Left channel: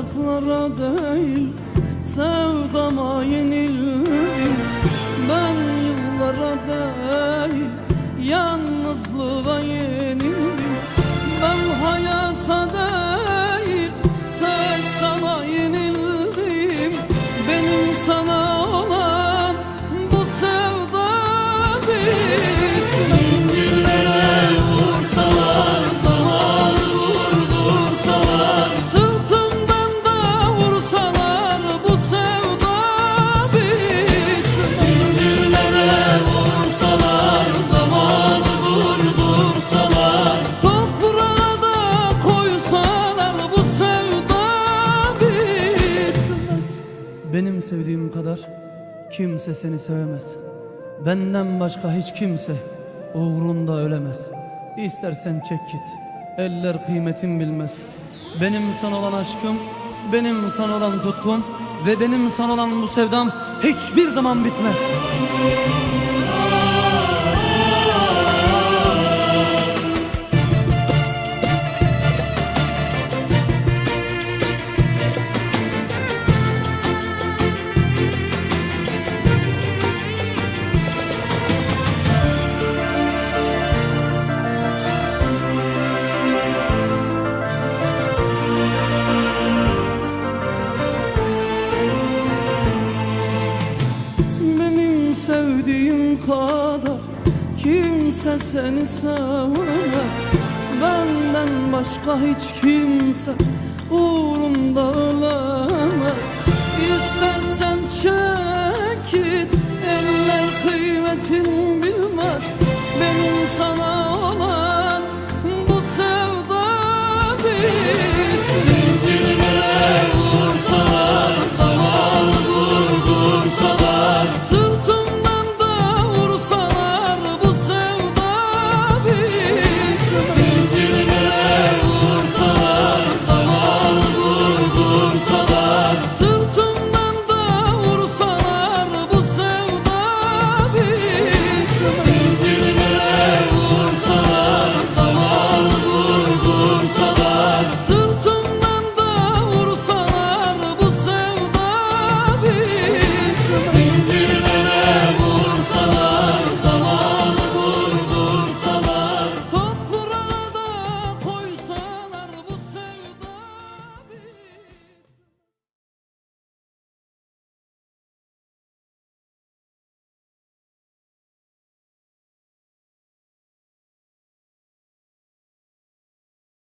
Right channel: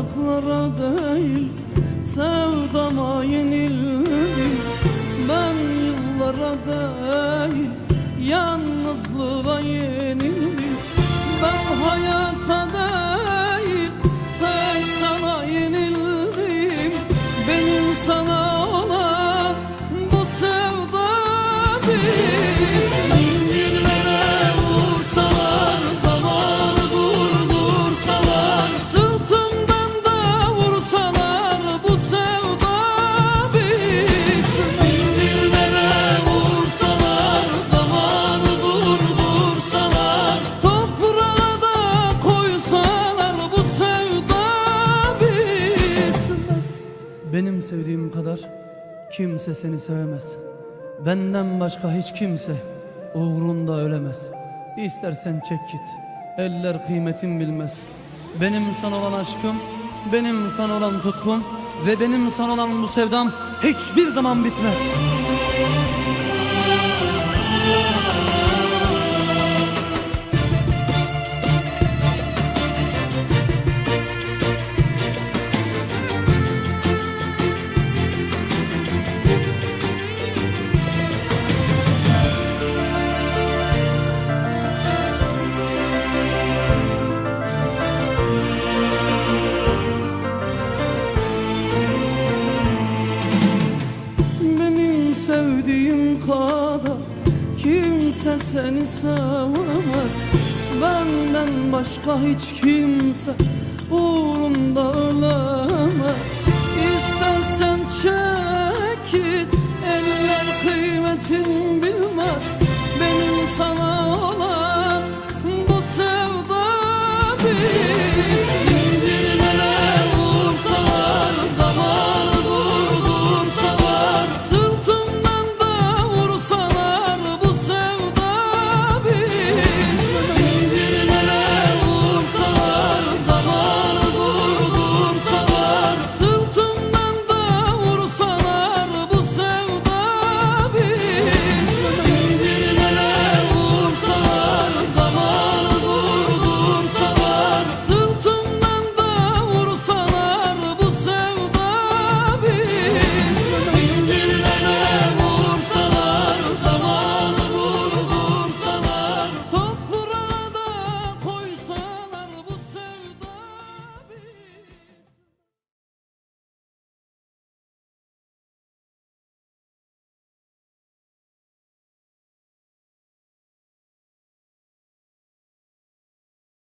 uzaklara değil, sevdama yenildim. Ben yıllara değil, yalnızlığa yenildim. Ben hayata değil, tek sana yenildim. Benim sana olan bu sevda bitmez. Zincirlere vursalar, zamanı durdursalar, sırtımdan da vursalar, bu sevda bitmez. Zincirlere vursalar, zamanı durdursalar, toprağa da koysalar, bu sevda bitmez. Benim sevdiğim kadar kimse seni sevemez. Benden başka hiç kimse uğrunda ölemez. İstersen çek git, eller kıymetin bilmez. Benim sana olan aşkım, benim sana olan tutkum ve benim sana olan bu sevdam hiçbir zaman bitmez. Sevdiğim kadar kimse seni sevemez. Benden başka hiç kimse uğrunda ölemez. İstersen çek git, eller kıymetin bilmez. Benim sana